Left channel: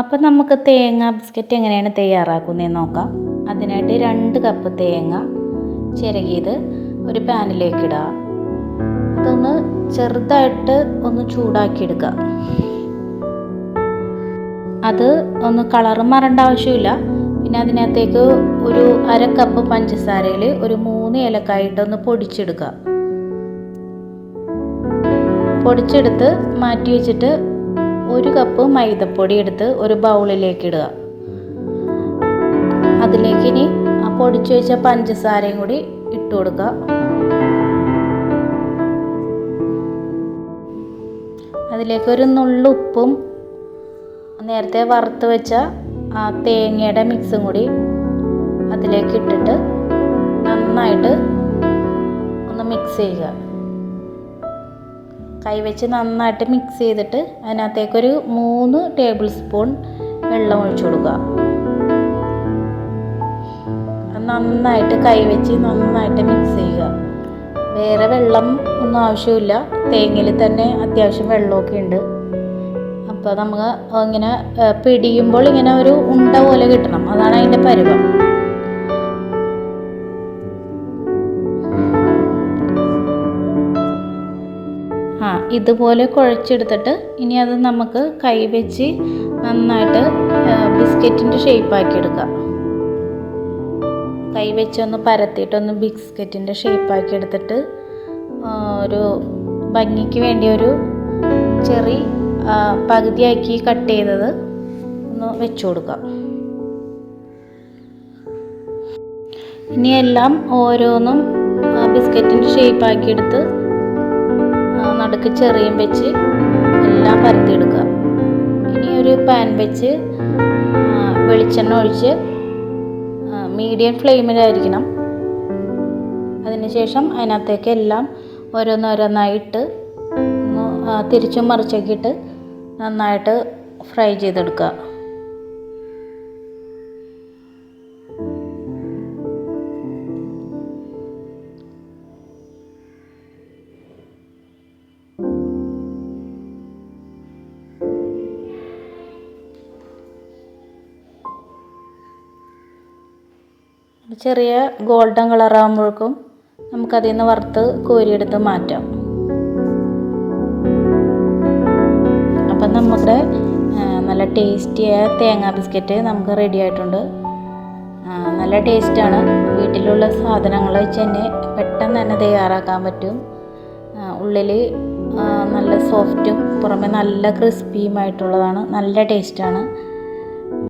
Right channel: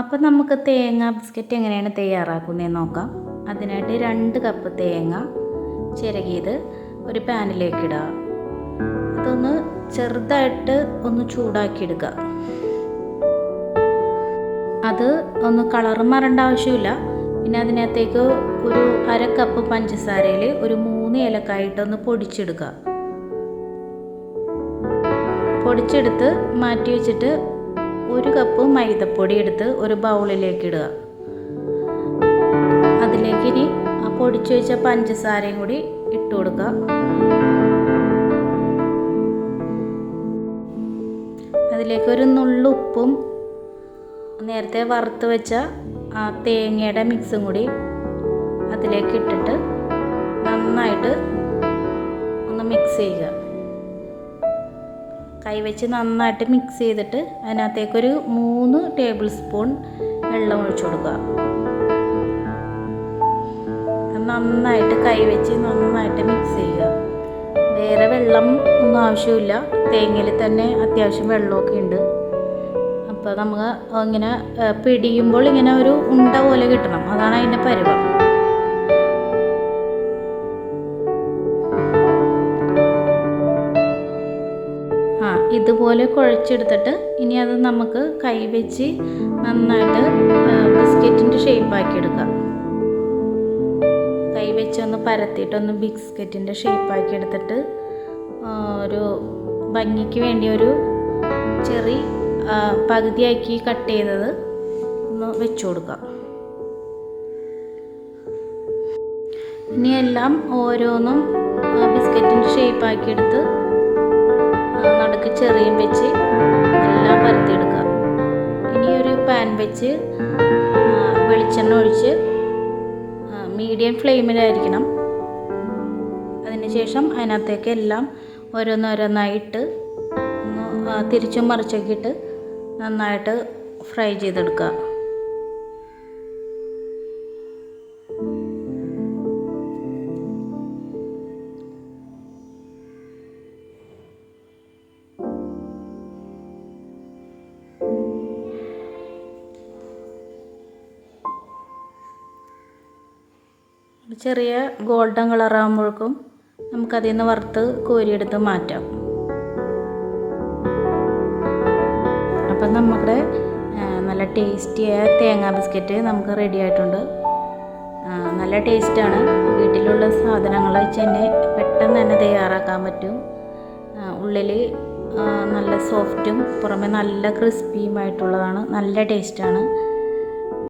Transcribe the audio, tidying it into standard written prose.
അപ്പം നമുക്ക് തേങ്ങ ബിസ്ക്കറ്റ് എങ്ങനെയാണ് തയ്യാറാക്കുന്നതെന്ന് നോക്കാം. അതിനായിട്ട് 2 കപ്പ് തേങ്ങ ചിരകിയത് ഒരു പാനിലേക്ക് ഇടുക. അതൊന്ന് ചെറുതായിട്ട് ഒന്ന് ചൂടാക്കിയെടുക്കുക. അത് ഒന്ന് കളറ് മാറേണ്ട ആവശ്യമില്ല. പിന്നെ അതിനകത്തേക്ക് ഒരു 1/2 കപ്പ് പഞ്ചസാരയിൽ ഒരു 3 ഏലക്കായിട്ടൊന്ന് പൊടിച്ചെടുക്കുക. പൊടിച്ചെടുത്ത് മാറ്റി വെച്ചിട്ട് 1 കപ്പ് മൈദപ്പൊടി എടുത്ത് ഒരു ബൗളിലേക്ക് ഇടുക. അതിലേക്ക് ഇനി ആ പൊടിച്ചു വെച്ച പഞ്ചസാരയും കൂടി ഇട്ട് കൊടുക്കുക. അതിലേക്ക് ഒരു നുള്ളു ഉപ്പും നേരത്തെ വറുത്ത് വെച്ച ആ തേങ്ങയുടെ മിക്സും കൂടി അതിലേക്ക് ഇട്ടിട്ട് നന്നായിട്ട് ഒന്ന് മിക്സ് ചെയ്യുക. കൈവച്ച് നന്നായിട്ട് മിക്സ് ചെയ്തിട്ട് അതിനകത്തേക്കൊരു 3 ടേബിൾ സ്പൂൺ വെള്ളം ഒഴിച്ചു കൊടുക്കുക. നന്നായിട്ട് കൈവച്ച് നന്നായിട്ട് മിക്സ് ചെയ്യുക. വേറെ വെള്ളം ഒന്നും ആവശ്യമില്ല, തേങ്ങയിൽ തന്നെ അത്യാവശ്യം വെള്ളമൊക്കെ ഉണ്ട്. അപ്പോൾ നമുക്ക് ഇങ്ങനെ പിടിയുമ്പോൾ ഇങ്ങനെ ഒരു ഉണ്ട പോലെ കിട്ടണം, അതാണ് അതിൻ്റെ പരുവം. ഇതുപോലെ കുഴച്ചെടുത്തിട്ട് ഇനി അത് നമുക്ക് കൈവച്ച് നന്നായിട്ട് ബിസ്ക്കറ്റിൻ്റെ ഷേപ്പാക്കി എടുക്കാം. കൈവച്ചൊന്ന് പരത്തിയിട്ടൊന്ന് ബിസ്ക്കറ്റിൻ്റെ ഷേപ്പാക്കി എടുത്തിട്ട് ഒരു ഭംഗിക്ക് വേണ്ടി ഒരു ചെറി പകുതിയാക്കി കട്ട് ചെയ്തത് ഒന്ന് വെച്ചു കൊടുക്കാം. ഇനി എല്ലാം ഓരോന്നും ബിസ്ക്കറ്റിൻ്റെ ഷേപ്പാക്കി എടുത്ത് നടുക്ക് ചെറിയും വെച്ച് എല്ലാം പരത്തിയെടുക്കുക. ഇനി ഒരു പാൻ വെച്ച് വെളിച്ചെണ്ണ ഒഴിച്ച് മീഡിയം ഫ്ലെയിമിലായിരിക്കണം. അതിനുശേഷം അതിനകത്തേക്ക് എല്ലാം ഓരോന്നോരോന്നായിട്ട് ഒന്ന് തിരിച്ചും മറിച്ചൊക്കെ നന്നായിട്ട് ഫ്രൈ ചെയ്തെടുക്കുക. ചെറിയ ഗോൾഡൻ കളറാകുമ്പോഴേക്കും നമുക്കതിൽ നിന്ന് വറുത്ത് കോരിയെടുത്ത് മാറ്റാം. അപ്പം നമ്മുടെ നല്ല ടേസ്റ്റിയായ തേങ്ങാ ബിസ്ക്കറ്റ് നമുക്ക് റെഡി ആയിട്ടുണ്ട്. നല്ല ടേസ്റ്റാണ്. വീട്ടിലുള്ള സാധനങ്ങൾ വെച്ച് തന്നെ പെട്ടെന്ന് തന്നെ തയ്യാറാക്കാൻ പറ്റും. ഉള്ളിൽ നല്ല സോഫ്റ്റും പുറമെ നല്ല ക്രിസ്പിയുമായിട്ടുള്ളതാണ്. നല്ല ടേസ്റ്റാണ്.